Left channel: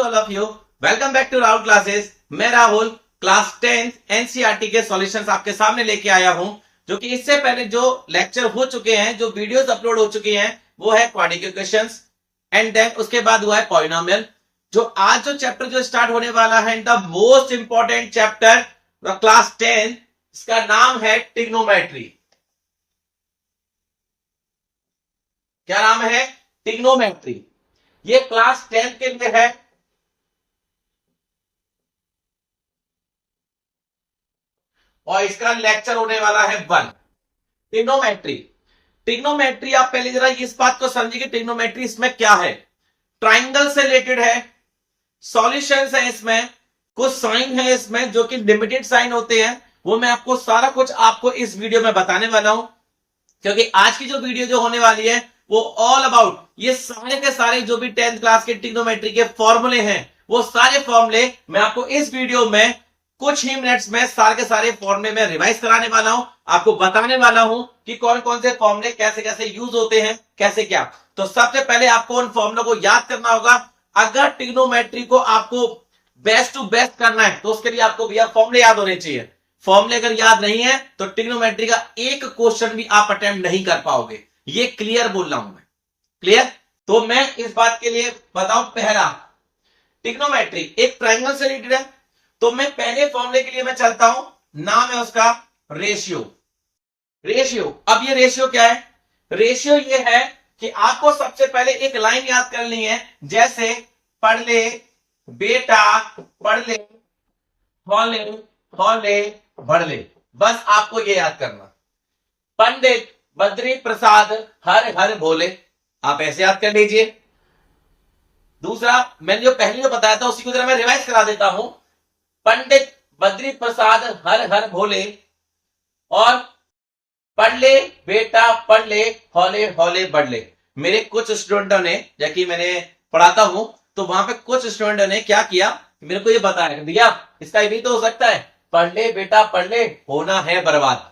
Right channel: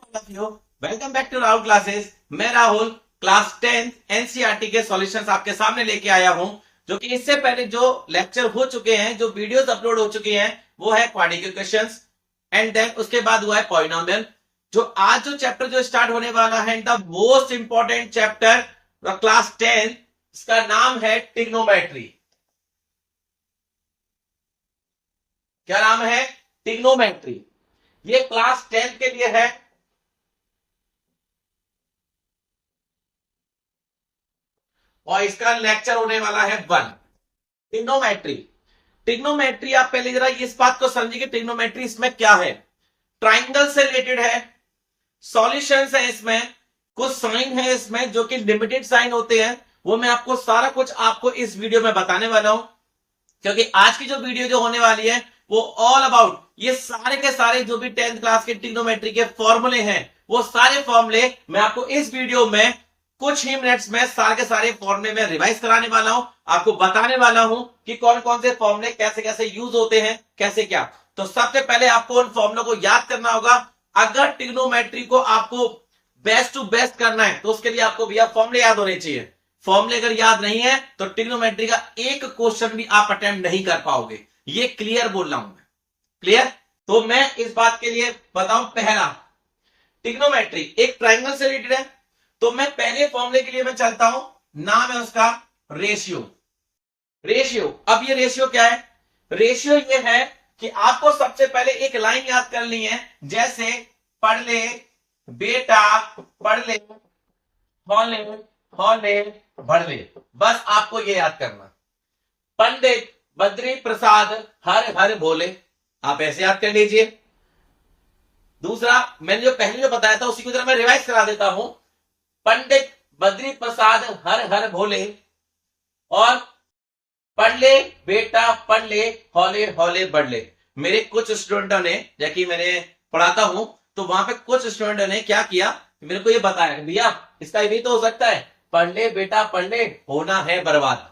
To all of you. Welcome back to Rahul classes. मैं Rahul class 10 NCERT के solutions आपके सामने लेके आया हूं, जो कि इससे पहले जो लेक्चर हो चुके हैं, जो वीडियोस अपलोड हो चुकी हैं, वो है क्वाड्रेटिक इक्वेशंस एंड देन उसके बाद हुआ है पॉलिनोमियल। जो आज जो चैप्टर जो स्टार्ट होने वाला है, the most important chapter class 10, इसका नाम है ट्रिग्नोमेट्री। क्या नाम है? ट्रिग्नोमेट्री। ये क्लास 10 के लिए है। और इसका लेक्चर होने वाला है 1 ट्रिग्नोमेट्री। ट्रिग्नोमेट्री आप पहले जरा इस बात को समझिए कि ट्रिग्नोमेट्री इसमें क्या है। ट्राइंगल से रिलेटेड है, सॉल्यूशंस है इसमें, कुछ साइन है इसमें जो कि लिमिटेड साइन होते हैं, वो मैं आपको सारा कुछ आपको इस वीडियो में बताने वाला हूं। क्योंकि आज की जो वीडियो जो होने वाली है वो ऑल अबाउट ये सारे के सारे जो भी 10th क्लास के ट्रिग्नोमेट्री के फॉर्मूले हैं, वो सारे फॉर्मूले मैं आपको इस वीडियो में कुछ ही मिनट्स में सारे के सारे फॉर्मूले में रिवाइज कराने वाला हूं, आपको बताने वाला हूं कि कौन कौन से फॉर्मूले कैसे कैसे यूज होते हैं, कैसे क्या। तो सबसे पहले आपको उन फॉर्मूलों को याद करना होगा। अगर ट्रिग्नोमेट्री को आपको बेस्ट टू बेस्ट करना है तो उसके लिए आपको भैया फॉर्मूले याद होने चाहिए। फॉर्मूले अगर याद नहीं है तो ट्रिग्नोमेट्री का एक क्वेश्चन भी आप अटेम्प्ट नहीं कर पाओगे। ये क्लियर बोल रहा हूं मैं, क्लियर। तो मैं इस बात के लिए बताऊं, पहला ट्रिग्नोमेट्री एक ट्राइंगल से रिलेटेड है, तो मैं पहले फॉर्मूले के लिए मैं चलता हूं, नाम है उसका रेशियो। रेशियो, अब ये रेशियो क्या है? रेशियो ये है कि आपको सबसे पहले एक लाइन याद करनी है, जैसे पढ़ ले बेटा, पढ़ ले, हौले हौले बढ़ ले। बस आपको ये याद करना। पंडित बद्री प्रसाद हर हर बोले, आप ऐसे याद कर लीजिए। दूसरा मैंने जो पहले जो बताया था उसी को जरा मैं रिवाइज करा देता हूं। पंडित बद्री प्रसाद हर हर भोले, और पढ़ ले बेटा पढ़ ले, हौले हौले बढ़ ले। मेरे कुछ स्टूडेंटों ने, जबकि मैंने पढ़ाता हूं तो वहां पे कुछ स्टूडेंटों ने क्या किया, मेरे को ये बताया भैया इसका भी तो हो सकता है, पढ़ ले बेटा पढ़ ले, होना है बर्बाद।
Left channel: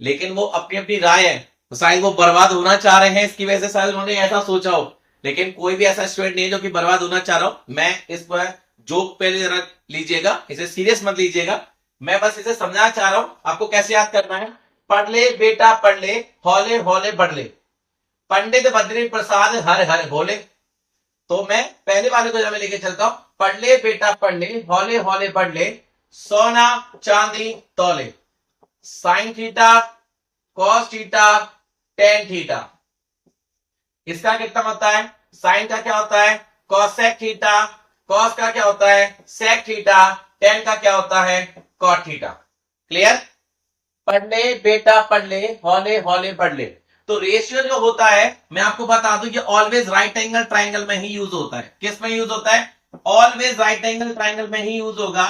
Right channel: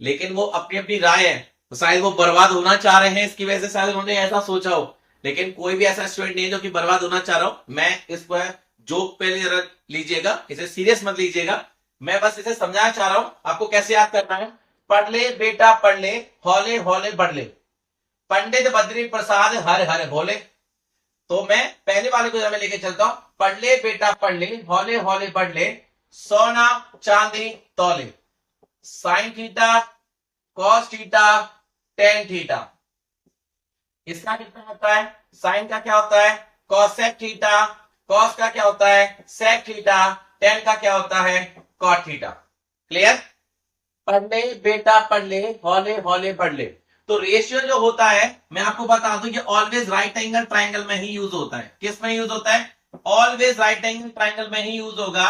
लेकिन वो अपनी अपनी राय है, तो शायद वो बर्बाद होना चाह रहे हैं, इसकी वजह से शायद उन्होंने ऐसा सोचा हो। लेकिन कोई भी ऐसा स्टूडेंट नहीं है जो कि बर्बाद होना चाह रहा हो। मैं इस पर जोक पे जरा लीजिएगा, इसे सीरियस मत लीजिएगा। मैं बस इसे समझाना चाह रहा हूं आपको कैसे याद करना है। पढ़ ले बेटा पढ़ ले, हौले हौले बढ़ ले, पंडित बद्री प्रसाद हर हर भोले। तो मैं पहले वाले को जब मैं लेके चलता हूं, पढ़ ले बेटा पढ़ ले, हौले हौले बढ़ ले, सोना चांदी तौले, sine theta cos theta tan theta. इसका कितना होता है? साइन का क्या होता है? Cosec theta. कॉस का क्या होता है? Sec theta. टेन का क्या होता है? Cot theta. क्लियर? पढ़ ले बेटा पढ़ ले, हौले हौले बढ़ ले। तो रेशियो जो होता है, मैं आपको बता दूं, ये ऑलवेज राइट एंगल ट्राइंगल में ही यूज होता है। किस में यूज होता है? ऑलवेज राइट एंगल ट्राइंगल में ही यूज होगा।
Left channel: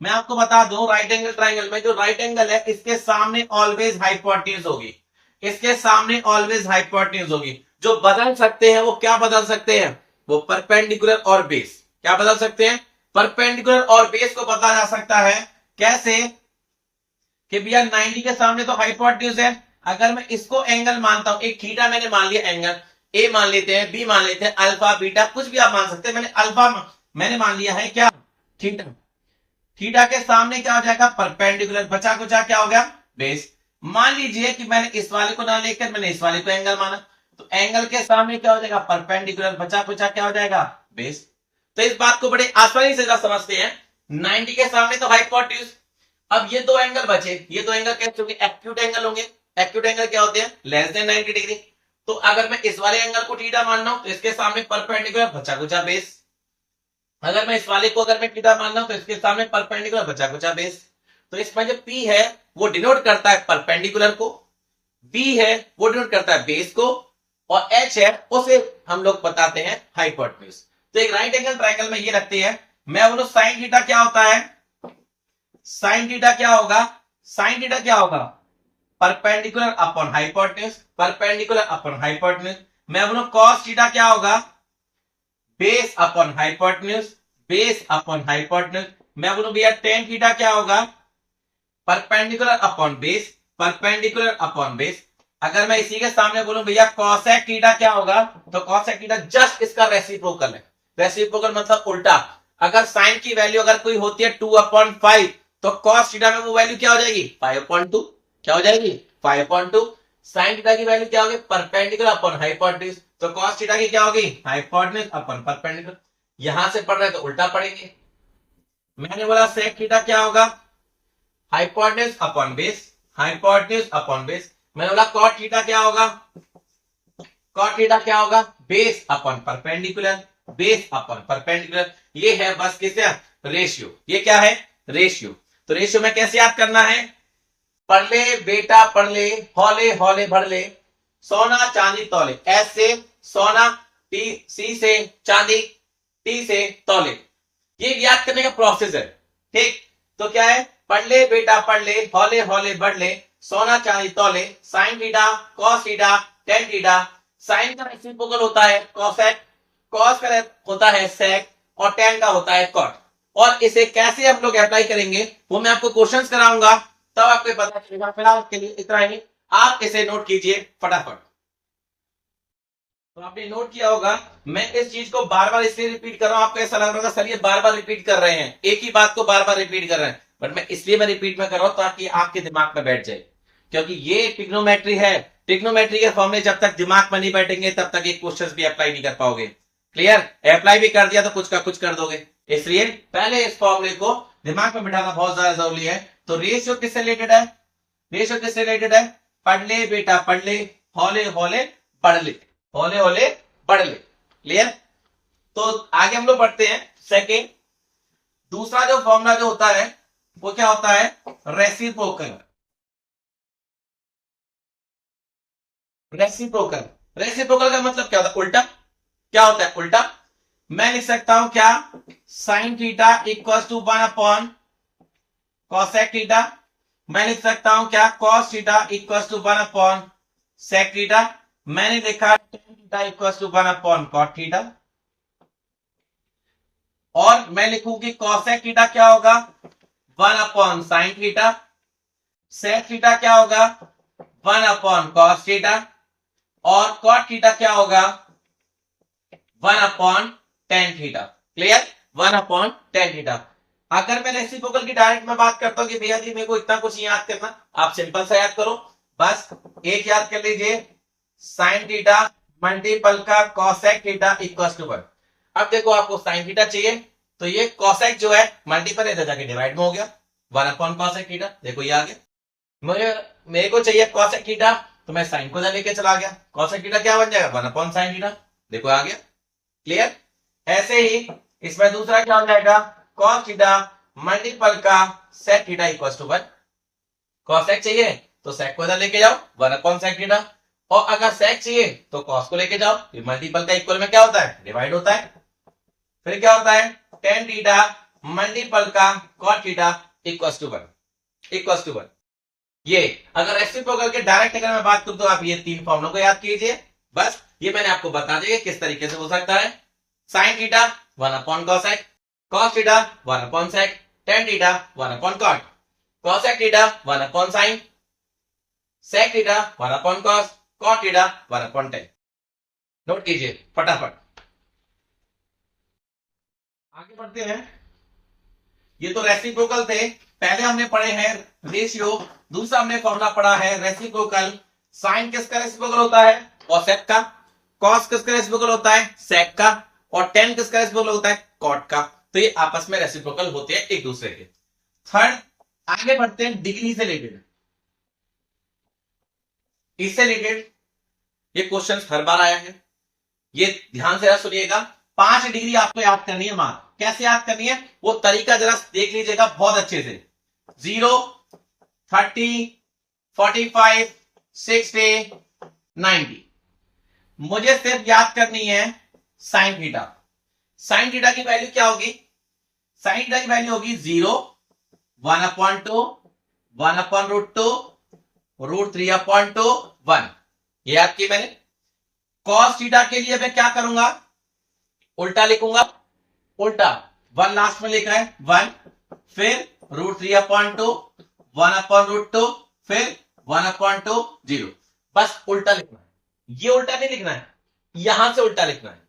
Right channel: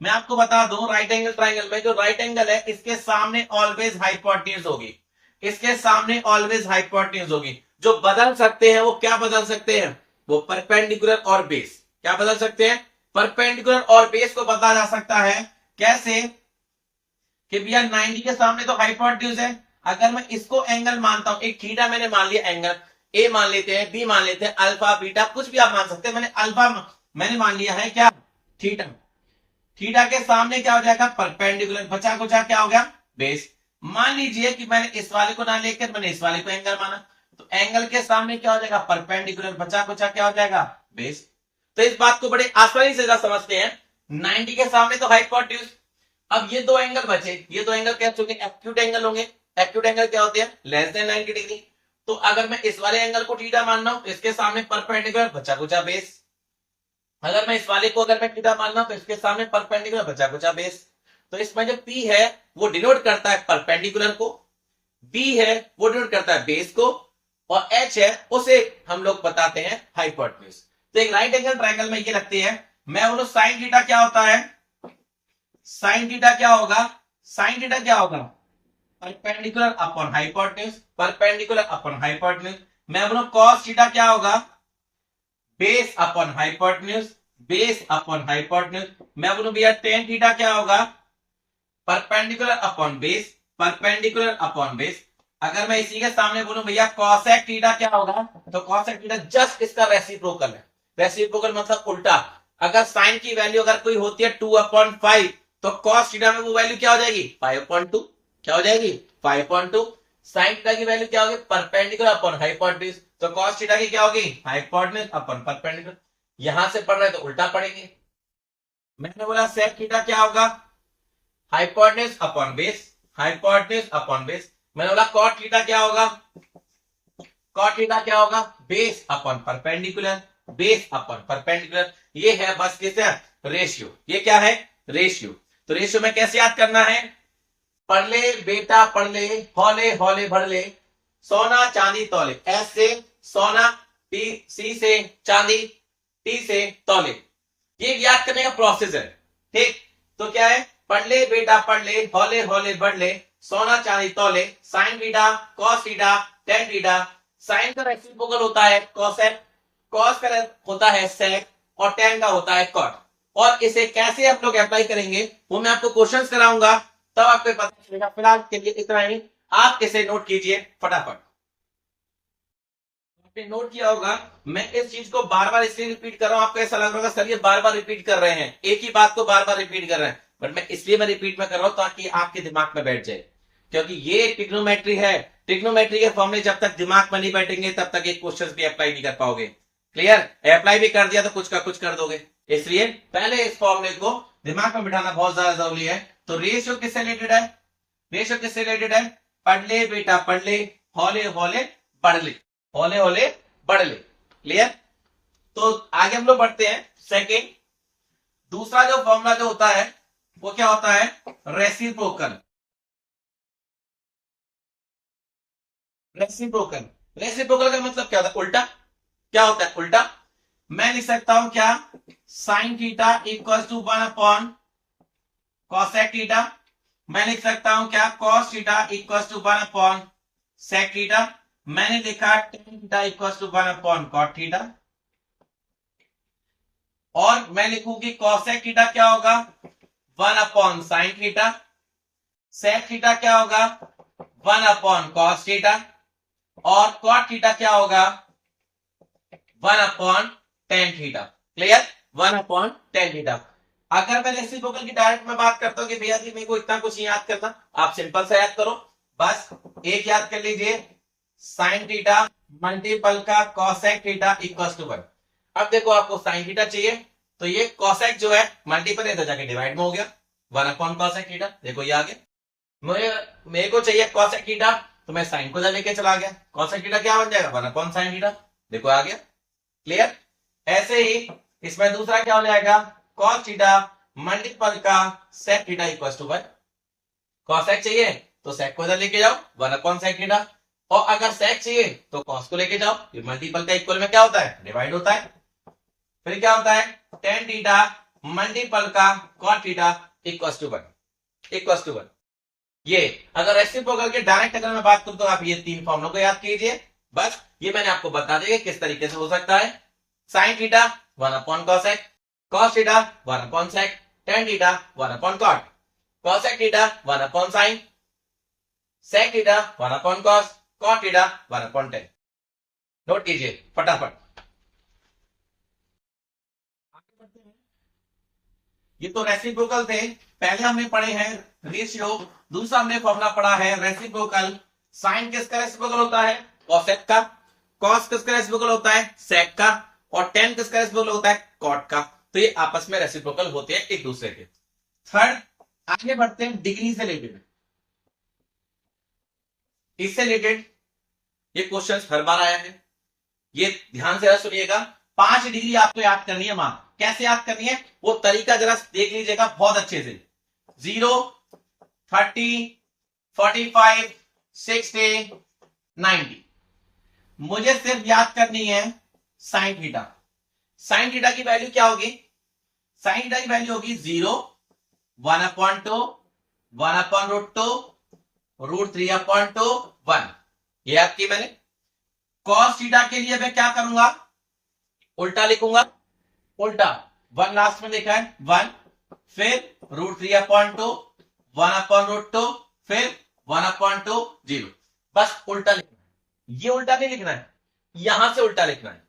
मैं आपको बता दूं, राइट एंगल ट्राइंगल में जो राइट एंगल है, इसके सामने ऑलवेज हाइपोटेन्यूज होगी। इसके सामने ऑलवेज हाइपोटेन्यूज होगी। जो बदल सकते हैं वो क्या बदल सकते हैं? वो परपेंडिकुलर और बेस। क्या बदल सकते हैं? परपेंडिकुलर और बेस को बदला जा सकता है। कैसे? कि भैया 90 के सामने तो हाइपोटेन्यूज है, अगर मैं इसको एंगल मानता हूं, एक थीटा मैंने मान लिया एंगल, ए मान लेते हैं, बी मान लेते हैं, अल्फा बीटा कुछ भी आप मान सकते हैं। मैंने अल्फा मैंने मान लिया है क्या? थीटा। थीटा के सामने क्या हो जाएगा? परपेंडिकुलर। बचा कुचा क्या हो गया? बेस। मान लीजिए कि मैंने इस वाले को ना लेकर मैंने इस वाले को एंगल माना, तो एंगल के सामने क्या हो जाएगा? परपेंडिकुलर। बचा कुचा क्या हो जाएगा? बेस। तो इस बात को बड़े आसानी से समझते हैं। 90 के सामने तो हाइपोटेन्यूज। अब ये दो एंगल बचे, ये दो एंगल कैसे होंगे? एक्यूट एंगल होंगे। एक्यूट एंगल क्या होते हैं? Less than 90 degree. तो अगर मैं इस वाले एंगल को थीटा मान रहा हूं तो इसके सामने परपेंडिकुलर, बचा कुचा बेस। अगर मैं इस वाले को अगर मैं थीटा मान रहा हूं तो इसके सामने परपेंडिकुलर, बचा कुचा बेस। तो इसमें जो P है वो डिनोट करता है परपेंडिकुलर को, B है वो डिनोट करता है बेस को, और H है उसे हम लोग बताते हैं हाइपोटेन्यूज। तो एक राइट एंगल ट्रायंगल में ये लगती है। मैं बोलूं साइन थीटा क्या होता है? साइन थीटा क्या होगा? साइन थीटा क्या होगा? Perpendicular upon hypotenuse, perpendicular upon hypotenuse. मैं बोलूं कॉस थीटा क्या होगा? Base upon hypotenuse, base upon hypotenuse. मैं बोलूं भैया टेन थीटा क्या होगा? Perpendicular upon base, perpendicular upon base. अगर मैं इसी के सामने बोलूं भैया कॉसेक थीटा क्या होगा? तो कॉसेक थीटा जस्ट इसका रेसिप्रोकल है। रेसिप्रोकल मतलब उल्टा। अगर साइन की वैल्यू अगर कोई होती है 2/5 तो कॉस थीटा में वो वैल्यू क्या हो जाएगी 5/2। क्या हो जाएगी 5/2। साइन थीटा की वैल्यू क्या होगी परपेंडिकुलर अपॉन हाइपोटेन्यूज, तो कॉस थीटा की क्या होगी हाइपोटेन्यूज अपॉन परपेंडिकुलर। यहां से पढ़ रहे तो उल्टा पढ़ेंगे। मैंने बोला सेक थीटा क्या होगा hypotenuse upon base, hypotenuse upon base. मैंने बोला कॉट थीटा क्या होगा, कॉट थीटा क्या होगा base upon perpendicular, base upon perpendicular. ये है बस किसे रेशियो, ये क्या है रेशियो। तो रेशियो में कैसे याद करना है, पढ़ ले बेटा पढ़ ले, हौले हौले भर ले, सोना चांदी तौले। एस से सोना, टी सी से चांदी, टी से तौले। ये याद करने का प्रोसेस है। ठीक, तो क्या है पढ़ ले बेटा पढ़ ले, हौले हौले बढ़ ले, सोना चांदी तौले, sine theta cos theta tan theta. Sine का रेसिप्रोकल होता है कॉसेक, कॉस का होता है सेक और टेन का होता है कॉट। और इसे कैसे हम लोग अप्लाई करेंगे वो मैं आपको क्वेश्चंस कराऊंगा, तब आपको पता चलेगा। फिलहाल के लिए इतना ही, आप इसे नोट कीजिए फटाफट। तो आपने नोट किया होगा, मैं इस चीज को बार बार इसलिए रिपीट कर रहा हूं, आपको ऐसा लग रहा होगा सर ये बार बार रिपीट कर रहे हैं, एक ही बात को बार बार रिपीट कर रहे हैं, बट मैं इसलिए मैं रिपीट में कर रहा हूं ताकि आपके दिमाग में बैठ जाए। क्योंकि ये ट्रिग्नोमेट्री है, ट्रिग्नोमेट्री के फॉर्मूले जब तक दिमाग में नहीं बैठेंगे तब तक ये क्वेश्चन भी अप्लाई नहीं कर पाओगे। क्लियर, अप्लाई भी कर दिया तो कुछ का कुछ कर दोगे, इसलिए पहले इस फॉर्मूले को दिमाग में बिठाना बहुत ज्यादा जरूरी है। तो रेशियो किससे रिलेटेड है, रेशियो किससे रिलेटेड है, पढ़ ले बेटा पढ़ ले, हौले हौले बढ़ ले, हौले हौले बढ़ ले। क्लियर, तो आगे हम लोग बढ़ते हैं। सेकेंड, दूसरा जो फॉर्मूला जो होता है वो क्या होता है रेसिप्रोकल। रेसिप्रोकल, रेसिप्रोकल का मतलब क्या होता है उल्टा। क्या होता है उल्टा, मैं लिख सकता हूं क्या sine theta equal to 1/, cosec theta. मैं लिख सकता हूं क्या cos theta equal to 1/, sec theta. मैंने लिखा tan theta equal to 1/, cot theta. और मैं लिखूंगी कॉसेक थीटा क्या होगा 1/, साइन थीटा। सेक थीटा क्या होगा 1/, कॉस थीटा। और कॉट थीटा क्या होगा 1/tan theta. Clear, 1/tan theta. अगर मैं रेसिप्रोकल की डायरेक्ट में बात करता हूं कि भैया जी मेरे को इतना कुछ नहीं याद करना, आप सिंपल सा याद करो, बस एक याद कर लीजिए साइन थीटा मल्टीपल का कॉसेक थीटा इक्वल टू 1। अब देखो आपको साइन थीटा चाहिए तो ये कॉसेक जो है मल्टीपल है तो जाके डिवाइड में हो गया 1/cosec थीटा। देखो ये आ गया। मेरे को चाहिए कॉसेक थीटा तो मैं साइन को लेके चला गया, कॉसेक थीटा क्या बन जाएगा 1/sin थीटा। देखो आ गया। क्लियर, ऐसे ही इसमें दूसरा क्या हो जाएगा कॉस थीटा मल्टीपल का sec theta equal to 1। Cosec चाहिए तो सेक को इधर लेके जाओ 1/sec थीटा, और अगर सेक चाहिए तो कॉस को लेके जाओ, ये मल्टीपल का इक्वल में क्या होता है डिवाइड होता है। फिर क्या होता है टेन थीटा मल्टीपल का कॉट थीटा इक्वल टू 1। ये अगर रेसिप्रोकल के डायरेक्ट अगर मैं बात करूं तो आप ये तीन फॉर्मूलों को याद कीजिए। बस ये मैंने आपको बता दिया किस तरीके से हो सकता है। Sine theta 1/cosec, cos theta 1/sec, tan theta 1/cot, cosec theta 1/sin, sec theta 1/cos, cot theta 1/tan। Note कीजिए फटाफट, आगे बढ़ते हैं। ये तो रेसिप्रोकल थे, पहले हमने पढ़े हैं रेशियो, दूसरा हमने फॉर्मूला पढ़ा है रेसिप्रोकल। साइन किसका रेसिप्रोकल होता है कॉसेक का, कॉस किसका रेसिप्रोकल होता है सेक का, और टेन किसका रेसिप्रोकल होता है कॉट का। तो ये आपस में रेसिप्रोकल होते हैं एक दूसरे के। थर्ड, आगे बढ़ते हैं डिग्री से रिलेटेड। इससे रिलेटेड ये क्वेश्चन हर बार आया है, ये ध्यान से सुनिएगा। 5 डिग्री आपको याद करनी है मां, कैसे याद करनी है वो तरीका जरा देख लीजिएगा बहुत अच्छे से। 0, 30, 45, 60, 90। मुझे सिर्फ याद करनी है साइन थीटा। साइन थीटा की वैल्यू क्या होगी, साइन थीटा की वैल्यू होगी 0, 1/2, 1/√2, √3/2, 1। ये याद की मैंने। कॉस थीटा के लिए मैं क्या करूंगा उल्टा लिखूंगा, उल्टा 1 लास्ट में लिखा है 1, फिर √3/2, 1/√2, फिर 1/2, 0। बस उल्टा लिखना है, ये उल्टा नहीं लिखना है, यहां से उल्टा लिखना है।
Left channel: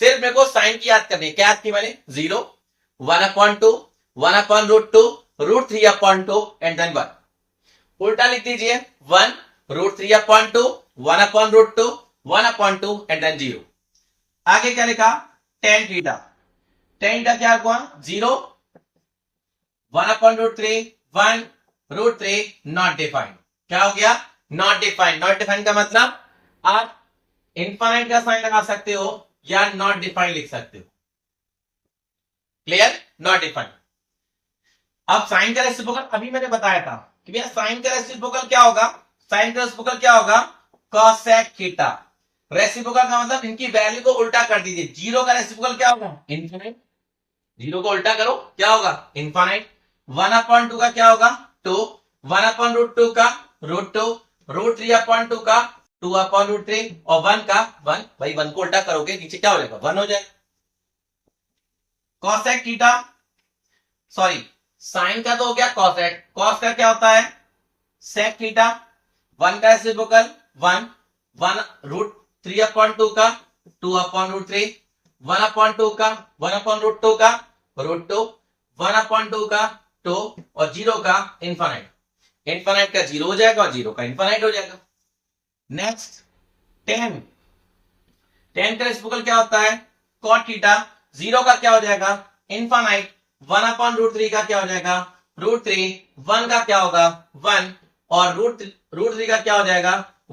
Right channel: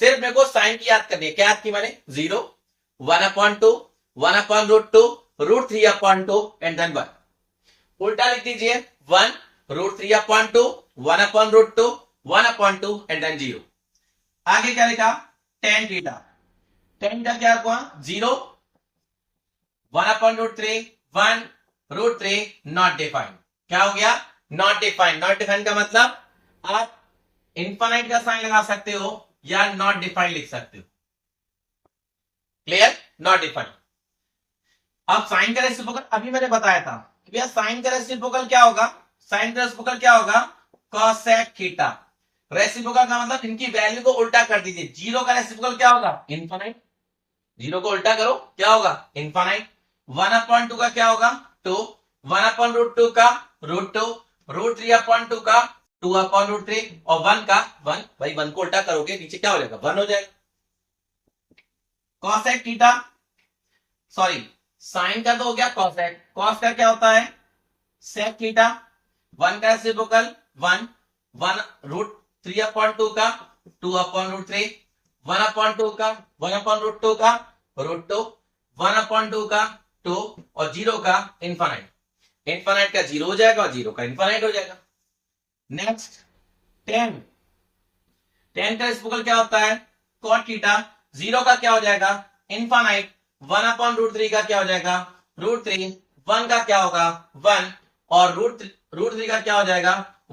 सिर्फ मेरे को साइन की याद करनी है। क्या याद की मैंने? 0, 1/2, 1/√2, √3/2 एंड देन 1। उल्टा लिख दीजिए, 1, √3/2, 1/√2, 1/2 एंड देन 0। आगे क्या लिखा? tan theta. tan थीटा क्या हुआ? 0, 1/√3, 1, √3 नॉट डिफाइंड। क्या हो गया? Not defined. नॉट डिफाइंड का मतलब आप इनफाइनाइट का साइन लगा सकते हो या नॉट डिफाइंड लिख सकते हो। क्लियर? Not defined. अब साइन का रेसिप्रोकल अभी मैंने बताया था कि भैया साइन का रेसिप्रोकल क्या होगा? साइन का रेसिप्रोकल क्या होगा? Cosec theta. रेसिप्रोकल का मतलब इनकी वैल्यू को उल्टा कर दीजिए। 0 का रेसिप्रोकल क्या होगा? इनफाइनाइट। 0 को उल्टा करो, क्या होगा? इनफाइनाइट। 1/2 का क्या होगा? 2, 1/√2 का √2, √3/2 का 2/√3 और 1 का 1। भाई 1 को उल्टा करोगे नीचे क्या हो जाएगा? 1 हो जाएगा। कोसेक थीटा, सॉरी साइन का तो हो गया कोसेक। कॉस का क्या होता है? Sec theta. 1 का रेसिप्रोकल 1, 1√3/2 का 2/√3, 1/2 का 1/√2 का √2, 1/2 का 2 और 0 का इनफाइनाइट। इनफाइनाइट का 0 हो जाएगा और 0 का इनफाइनाइट हो जाएगा। Next tan। tan का रेसिप्रोकल क्या होता है? cot theta. 0 का क्या हो जाएगा? इनफाइनाइट। 1/√3 का क्या हो जाएगा? √3। 1 का क्या होगा? 1 और √3 का क्या हो जाएगा?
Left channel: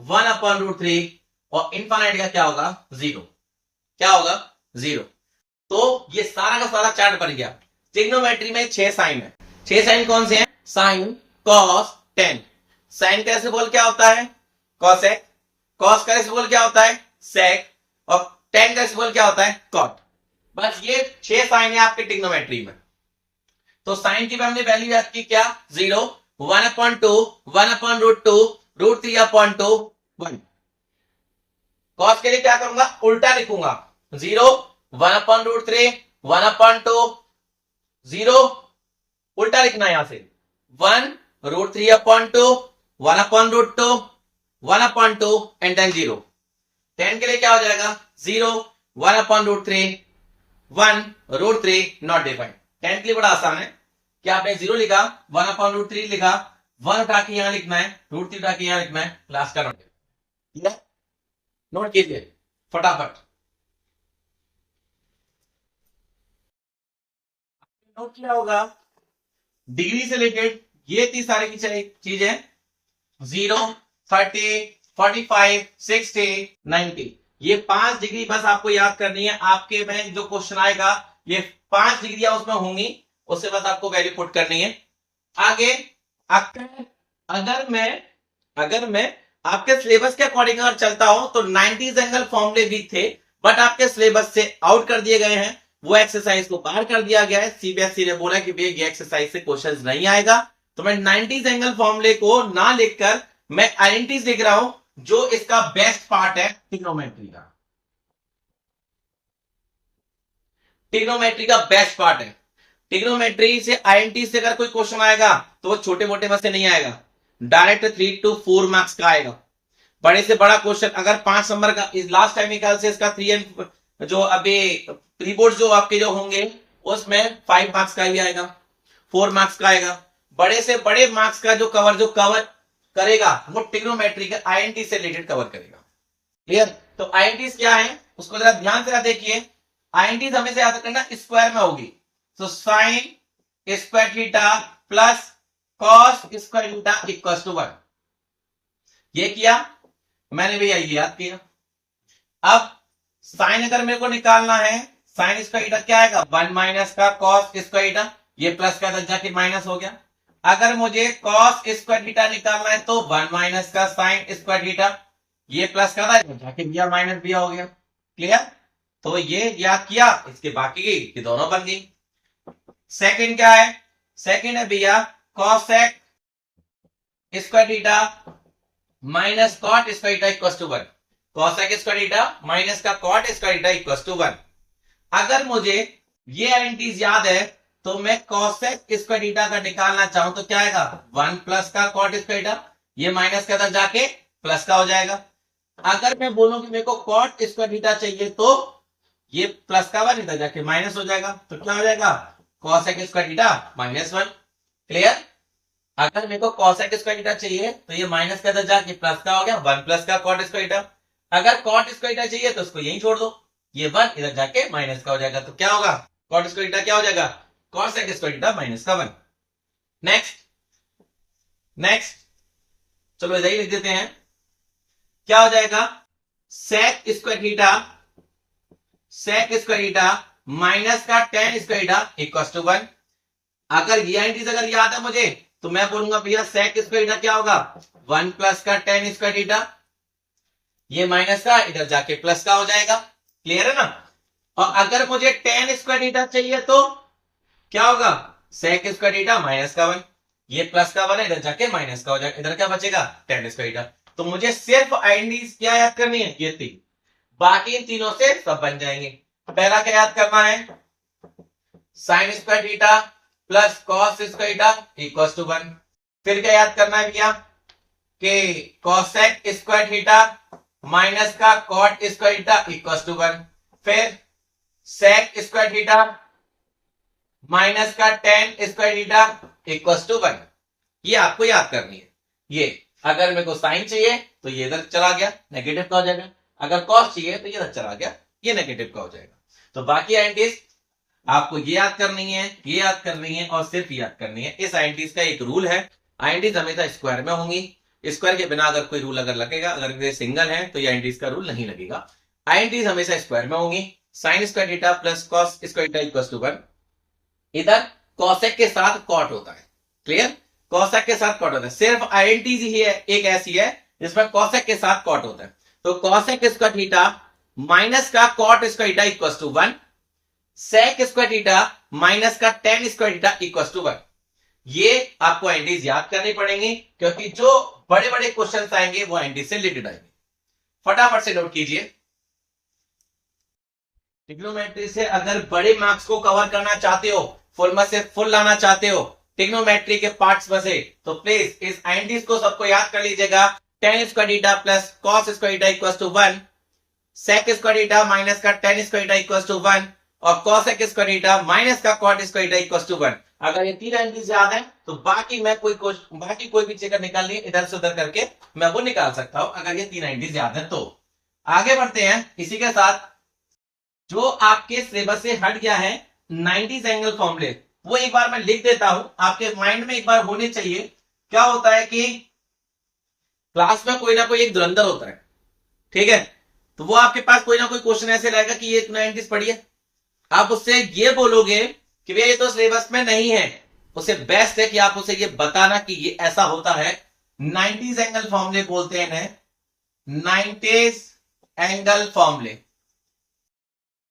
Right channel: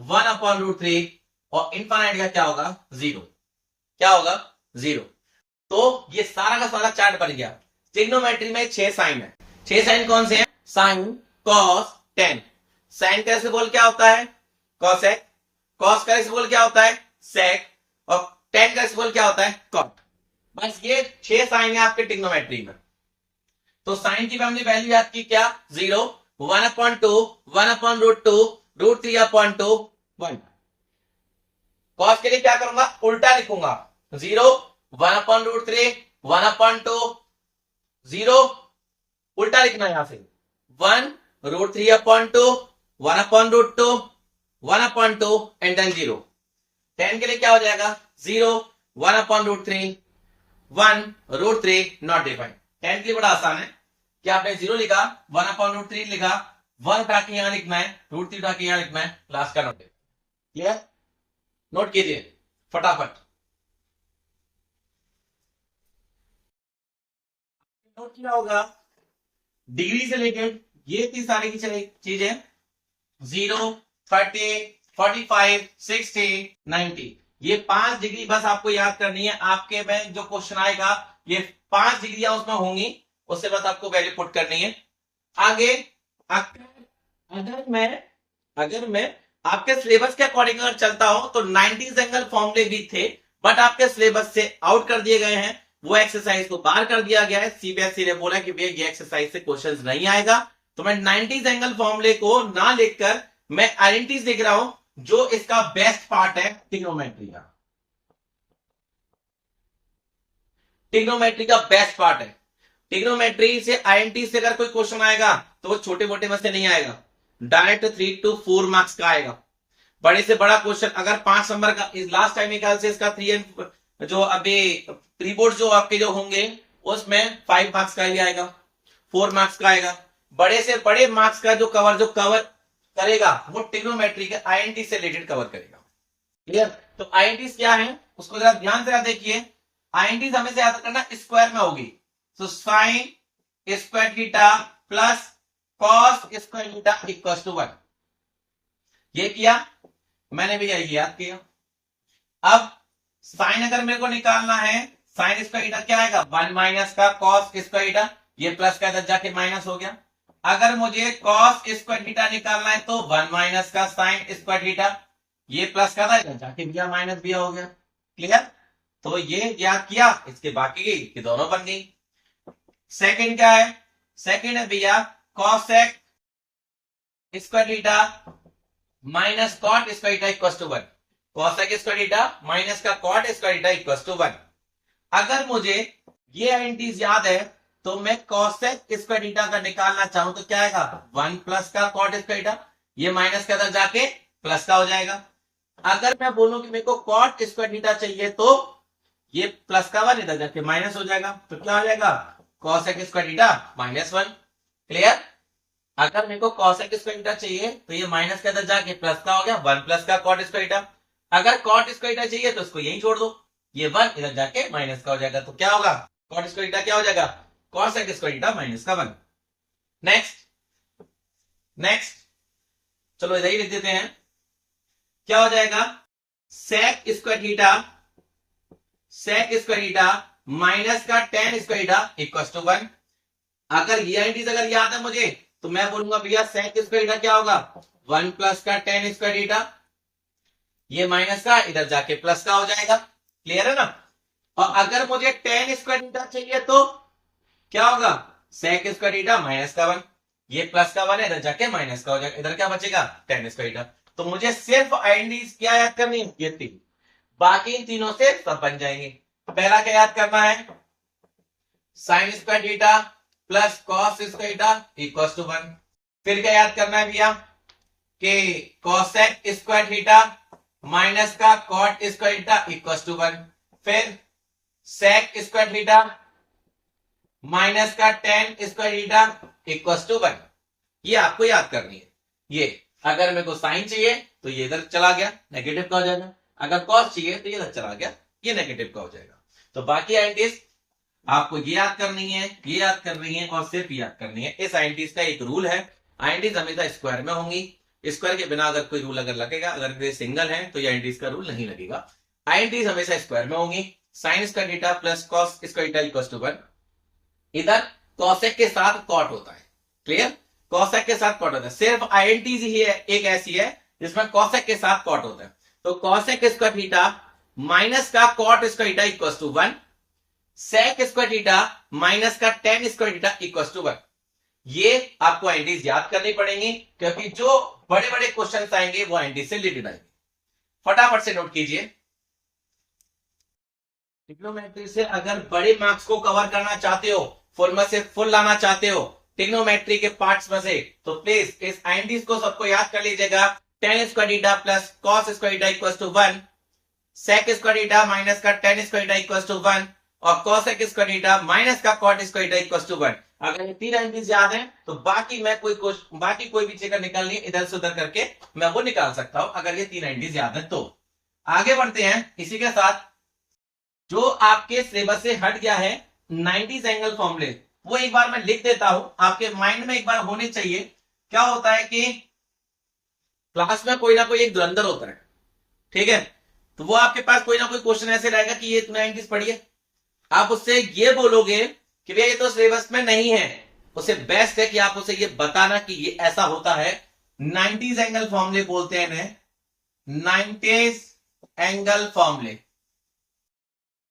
1/√3 और इनफाइनाइट का क्या होगा? 0। क्या होगा? 0। तो ये सारा का सारा चार्ट बन गया। ट्रिग्नोमेट्री में 6 साइन है। 6 साइन कौन से हैं? Sine, cos, tan। साइन का रेसिप्रोकल क्या होता है? कॉसेक। कॉस का रेसिप्रोकल क्या होता है? सेक। और tan का रेसिप्रोकल क्या होता है? कॉट। बस ये 6 साइन है आपके ट्रिग्नोमेट्री में। तो साइन की हमने वैल्यू याद की क्या? 0, 1/2, 1/√2, √3/2, 1। कॉस के लिए क्या करूंगा? उल्टा लिखूंगा। 0, 1/√3, 1/2, 0 उल्टा लिखना है यहां से। 1, √3/2, 1/√2, 1/2 एंड देन 0। tan के लिए क्या हो जाएगा? 0, 1/√3, 1, √3 नॉट डिफाइंड। tan के लिए बड़ा आसान है कि आपने 0 लिखा, 1/√3 लिखा, 1 उठा के यहां लिखना है, √3 उठा के यहां लिखना है, लास्ट का नोट। क्लियर? नोट कीजिए फटाफट। नोट किया होगा डिग्री से रिलेटेड ये इतनी सारी चीजें 0, 30, 45, 60, 90 ये 5 डिग्री बस आपको याद करनी है। आपके में जो क्वेश्चन आएगा ये 5 डिग्रियां उसमें होंगी, उससे बस आपको वैल्यू पुट करनी है। आगे अगर मैं आपके सिलेबस के अकॉर्डिंग अगर चलता हूं तो 90 एंगल फॉर्मूले भी थे, बट आपके सिलेबस से आउट कर दिए गए हैं। वो एक्सरसाइज को बाहर कर दिया गया है। सीबीएसई ने बोला कि भैया ये एक्सरसाइज से क्वेश्चंस नहीं आएगा, तो मैं 90 एंगल फॉर्मूले को ना लिखकर मैं आइडेंटिटीज लिख रहा हूं, जो इसका बेस्ट पार्ट है ट्रिग्नोमेट्री का। ट्रिग्नोमेट्री का बेस्ट पार्ट है। ट्रिग्नोमेट्री से आईएनटी से अगर कोई क्वेश्चन आएगा तो वो छोटे मोटे में से नहीं आएगा, डायरेक्ट 3 to 4 मार्क्स का आएगा। बड़े से बड़ा क्वेश्चन अगर 5 नंबर का, इस लास्ट टाइम निकाल से इसका 3 एंड जो अभी प्री बोर्ड जो आपके जो होंगे उसमें 5 मार्क्स का भी आएगा, 4 मार्क्स का आएगा। बड़े से बड़े मार्क्स का जो कवर करेगा वो ट्रिग्नोमेट्री के आईएनटी से रिलेटेड कवर करेगा। क्लियर? तो आईएनटी क्या है उसको जरा ध्यान से देखिए। आईएनटी हमें से याद करना स्क्वायर में होगी, तो sine square theta plus cos square theta equal to 1। ये किया मैंने भी यही याद किया। अब साइन अगर मेरे को निकालना है, साइन स्क्वायर थीटा क्या आएगा? 1 माइनस का कॉस स्क्वायर थीटा, ये प्लस का इधर जाके माइनस हो गया। अगर मुझे कॉस स्क्वायर थीटा निकालना है तो 1 माइनस का साइन स्क्वायर थीटा, ये प्लस का था इधर जाके भैया माइनस भी हो गया। क्लियर? तो ये याद किया, इसके बाकी ये दोनों बन गई। सेकंड क्या है? सेकंड है भैया cosec square theta minus cot square theta equal to 1। Cosec square theta minus का cot square theta equal to 1। अगर मुझे ये आइडेंटिटीज याद है तो मैं कॉसेक स्क्वायर थीटा का निकालना चाहूं तो क्या आएगा? 1 प्लस का कॉट स्क्वायर थीटा, ये माइनस के अंदर जाके प्लस का हो जाएगा। अगर मैं बोलूं कि मेरे को कॉट स्क्वायर थीटा चाहिए तो ये प्लस का 1 इधर जाके माइनस हो जाएगा, तो क्या हो जाएगा cos x square theta -1। Clear? अगर मेरे को cos x स्क्वायर थीटा चाहिए तो ये माइनस का इधर जाके प्लस का हो गया 1 प्लस का cot स्क्वायर थीटा। अगर cot स्क्वायर थीटा चाहिए तो उसको यही छोड़ दो, ये 1 इधर जाके माइनस का हो जाएगा, तो क्या होगा cot स्क्वायर थीटा क्या हो जाएगा cos x square theta -1। Next चलो इधर ही लिख देते हैं, क्या हो जाएगा sec स्क्वायर थीटा माइनस का tan square theta equal to 1। अगर ये आइडेंटिटीज अगर याद है मुझे तो मैं बोलूंगा भैया sec स्क्वायर थीटा क्या होगा 1 प्लस का tan स्क्वायर थीटा, ये माइनस का इधर जाके प्लस का हो जाएगा। क्लियर है ना? और अगर मुझे tan स्क्वायर थीटा चाहिए तो क्या होगा sec स्क्वायर थीटा माइनस का 1, ये प्लस का 1 है इधर जाके माइनस का हो जाएगा, इधर क्या बचेगा tan स्क्वायर थीटा। तो मुझे सिर्फ आइडेंटिटीज क्या याद करनी है ये 3, बाकी इन तीनों से सब बन जाएंगे। पहला क्या याद करना है sin square theta plus cos square theta equal to 1। फिर क्या याद करना है भैया कि cosec स्क्वायर थीटा माइनस का cot square theta equal to 1। फिर sec स्क्वायर थीटा माइनस का tan square theta equal to 1। ये आपको याद करनी है। ये अगर मेरे को साइन चाहिए तो ये इधर चला गया नेगेटिव का हो जाएगा, अगर cos चाहिए तो ये इधर चला गया ये नेगेटिव का हो जाएगा। तो बाकी आइडेंटिटीज आपको ये याद करनी है, ये याद करनी है और सिर्फ याद करनी है। इस आइडेंटिटीज का एक रूल है, आइडेंटिटीज हमेशा स्क्वायर में होंगी, स्क्वायर के बिना अगर कोई रूल अगर लगेगा, अगर ये सिंगल है तो ये आइडेंटिटीज का रूल नहीं लगेगा। आइडेंटिटीज हमेशा स्क्वायर में होंगी। sin square theta plus cos square theta equal to 1, इधर cosec के साथ cot होता है। क्लियर? cosec के साथ cot होता है, सिर्फ आइडेंटिटीज ही है एक ऐसी है जिसमें cosec के साथ cot होता है। तो cosec स्क्वायर थीटा माइनस का cot square theta equal to 1, sec square theta minus का tan square theta equal to 1। ये आपको आइडेंटिटीज याद करनी पड़ेंगी क्योंकि जो बड़े बड़े क्वेश्चन आएंगे वो आइडेंटिटीज से रिलेटेड आएंगे। फटाफट से नोट कीजिए, ट्रिग्नोमेट्री से अगर बड़े मार्क्स को कवर करना चाहते हो, फुल में से फुल लाना चाहते हो ट्रिग्नोमेट्री के पार्ट्स में से, तो प्लीज इस आइडेंटिटीज को सबको याद कर लीजिएगा। tan square theta plus cos square theta equal to 1, sec square theta minus का tan square theta equal to 1 और cosec स्क्वायर थीटा माइनस का cot square theta equal to 1। अगर ये तीन आइडेंटिटीज याद है तो बाकी कोई भी चीज निकालनी है इधर से उधर करके मैं वो निकाल सकता हूं, अगर ये तीन आइडेंटिटीज याद है तो। आगे बढ़ते हैं इसी के साथ, जो आपके सिलेबस से हट गया है 90s एंगल फॉर्मूले, वो एक बार मैं लिख देता हूं, आपके माइंड में एक बार होने चाहिए। क्या होता है कि क्लास में कोई ना कोई एक धुरंधर होता है, ठीक है, तो वो आपके पास कोई ना कोई क्वेश्चन ऐसे रहेगा कि ये 90s पढ़िए, आप उससे ये बोलोगे कि भैया ये तो सिलेबस में नहीं है, उससे बेस्ट है कि आप उसे ये बताना कि ये ऐसा होता है। 90s एंगल फॉर्मूले बोलते हैं, 90s एंगल फॉर्मूले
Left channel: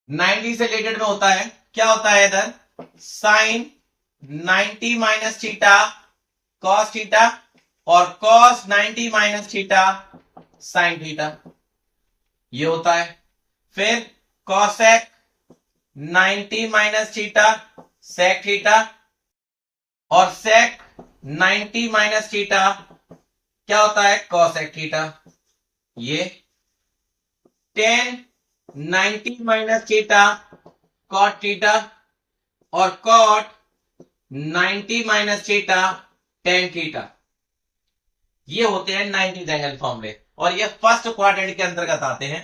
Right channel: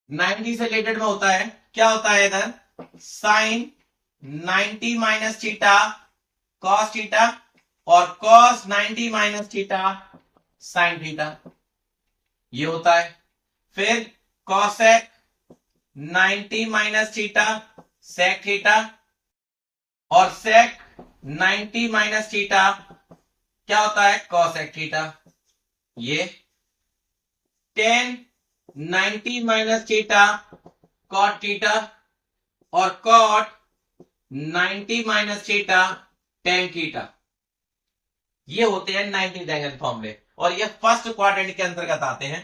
90 से रिलेटेड में होता है। क्या होता है इधर sine 90 minus theta cos theta और cos 90 minus theta sine theta, ये होता है। फिर cosec 90 minus theta sec theta और सेक 90 माइनस थीटा क्या होता है कॉसेक थीटा। ये 10 90 माइनस थीटा कॉट थीटा और cot 90 minus theta tan theta, ये होते हैं 90 एंगल फॉर्मूले और ये फर्स्ट क्वाड्रेंट के अंतर्गत आते हैं।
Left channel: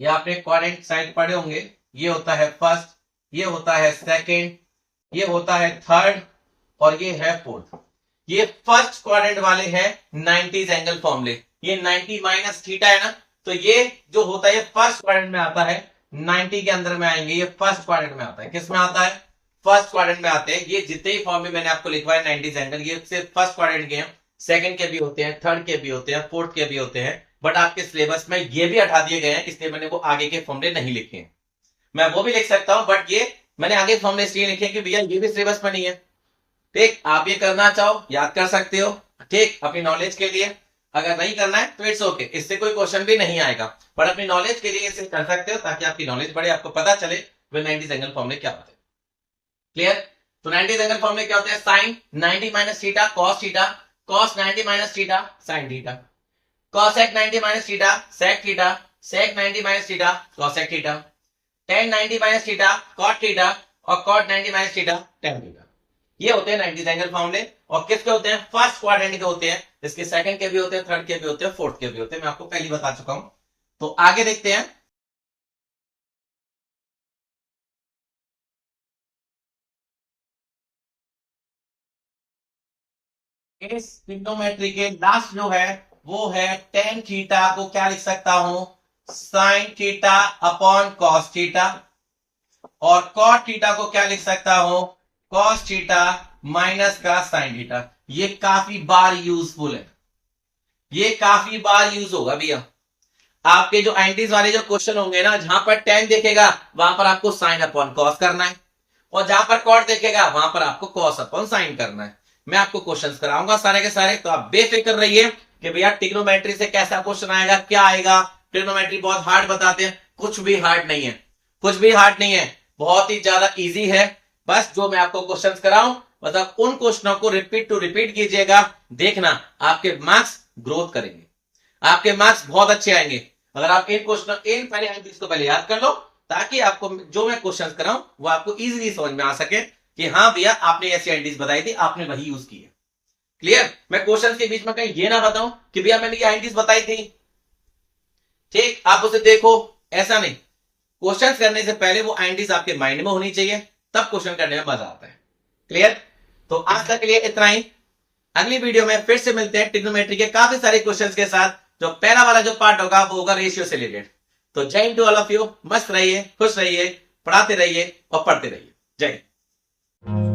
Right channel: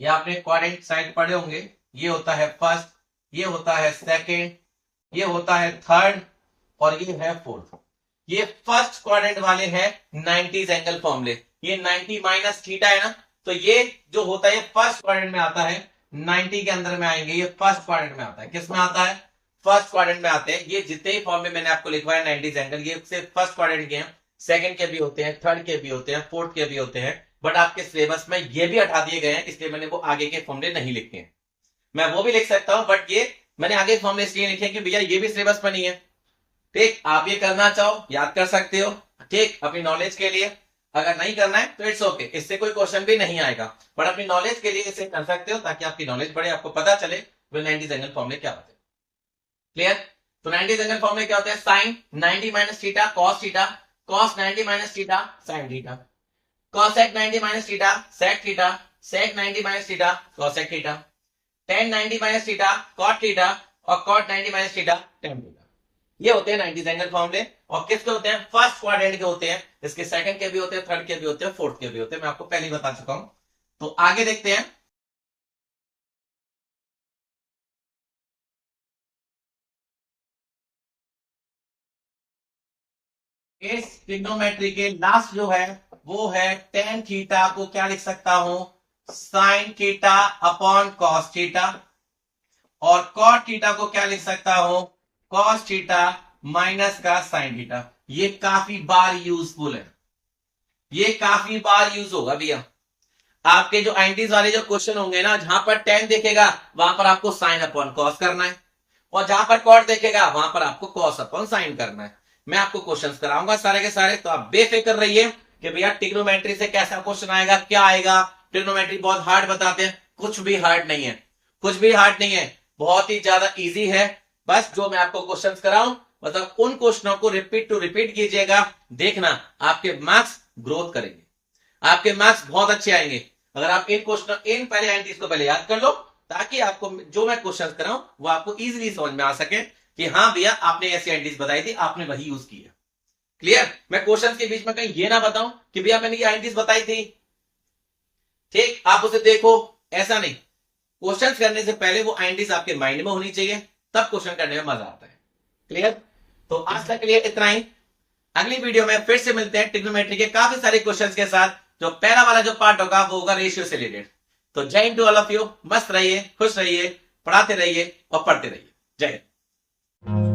ये आपने क्वाड्रेंट साइड पढ़े होंगे, ये होता है फर्स्ट, ये होता है सेकंड, ये होता है थर्ड और ये है फोर्थ। ये फर्स्ट क्वाड्रेंट वाले हैं 90 एंगल फॉर्मूले। ये 90 माइनस थीटा है ना, तो ये जो होता है फर्स्ट क्वाड्रेंट में आता है, 90 के अंदर में आएंगे, ये फर्स्ट क्वाड्रेंट में आता है। किस में आता है फर्स्ट क्वाड्रेंट में आते हैं। ये जितने ही फॉर्मूले मैंने आपको लिखवाया 90 एंगल, ये सिर्फ फर्स्ट क्वाड्रेंट के हैं, सेकंड के भी होते हैं, थर्ड के भी होते हैं, फोर्थ के भी होते हैं, बट आपके सिलेबस में ये भी हटा दिए गए हैं, इसलिए मैंने वो आगे के फॉर्मूले नहीं लिखे हैं। मैं वो भी लिख सकता हूं बट ये मैंने आगे फॉर्मूले इसलिए लिखे कि भैया ये भी सिलेबस में नहीं है। ठीक, आप ये करना चाहो याद कर सकते हो, ठीक, अपनी नॉलेज के लिए। अगर नहीं करना है तो इट्स ओके, इससे कोई क्वेश्चन भी नहीं आएगा, बट अपनी नॉलेज के लिए इसे कर सकते हो ताकि आपकी नॉलेज बढ़े, आपको पता चले वे 90 एंगल फॉर्मूले क्या होते हैं। क्लियर? तो 90 एंगल फॉर्मूले क्या होते हैं, sine 90 minus theta cos theta, cos 90 minus theta sine theta, cosec 90 minus theta sec theta, sec 90 minus theta cosec theta, tan 90 minus theta cot theta और cot 90 minus theta tan theta. ये होते हैं 90 angle फॉर्मूले। और किसके होते हैं? First quadrant के होते हैं, इसके सेकंड के भी होते हैं, थर्ड के भी होते हैं, फोर्थ के भी होते हैं। मैं आपको पहले ही बता चुका हूं। तो आगे देखते हैं। इस ट्रिग्नोमेट्री के लास्ट जो है वो है tan थीटा को क्या लिख सकता हूं? sin theta upon cos theta. और cot थीटा को क्या लिख सकता हूं? cos थीटा माइनस का sin थीटा। ये काफी बार यूजफुल है, ये काफी बार यूज होगा भैया। आपके जो एंटीज वाले जो क्वेश्चन होंगे ना, जहां पर tan देखेगा वहां पर आपको sin अपॉन cos करना है, और जहां पर cot देखेगा वहां पर आपको cos अपॉन sin करना है। मैं आपको क्वेश्चंस कराऊंगा सारे के सारे, तो आप बेफिक्र रहिए कि भैया ट्रिग्नोमेट्री से कैसा क्वेश्चन आएगा, क्या आएगा। ट्रिग्नोमेट्री बहुत हार्ड बताते हैं, कुछ भी हार्ड नहीं है, कुछ भी हार्ड नहीं है, बहुत ही ज्यादा इजी है। बस जो मैं आपको क्वेश्चंस कराऊं, मतलब उन क्वेश्चनों को रिपीट टू रिपीट कीजिएगा, देखना आपके मार्क्स ग्रोथ करेंगे, आपके मार्क्स बहुत अच्छे आएंगे। अगर आप इन क्वेश्चन इन पहले एंटीज को पहले याद कर लो, ताकि आपको जो मैं क्वेश्चन कराऊं वो आपको इजीली समझ में आ सके कि हाँ भैया आपने ऐसी एंटीज बताई थी, आपने वही यूज की है। क्लियर? मैं क्वेश्चन के बीच में कहीं ये ना बताऊं कि भैया मैंने ये एंटीज बताई थी, ठीक, आप उसे देखो, ऐसा नहीं। क्वेश्चन करने से पहले वो एंटीज आपके माइंड में होनी चाहिए, तब क्वेश्चन करने में मजा आता है। क्लियर? तो आज तक के लिए इतना ही। अगली वीडियो में फिर से मिलते हैं ट्रिग्नोमेट्री के काफी सारे क्वेश्चंस के साथ। जो पहला वाला जो पार्ट होगा वो होगा रेशियो से रिलेटेड। तो जय हिंद टू ऑल ऑफ यू, मस्त रहिए, खुश रहिए, पढ़ाते रहिए और पढ़ते रहिए। जय हिंद।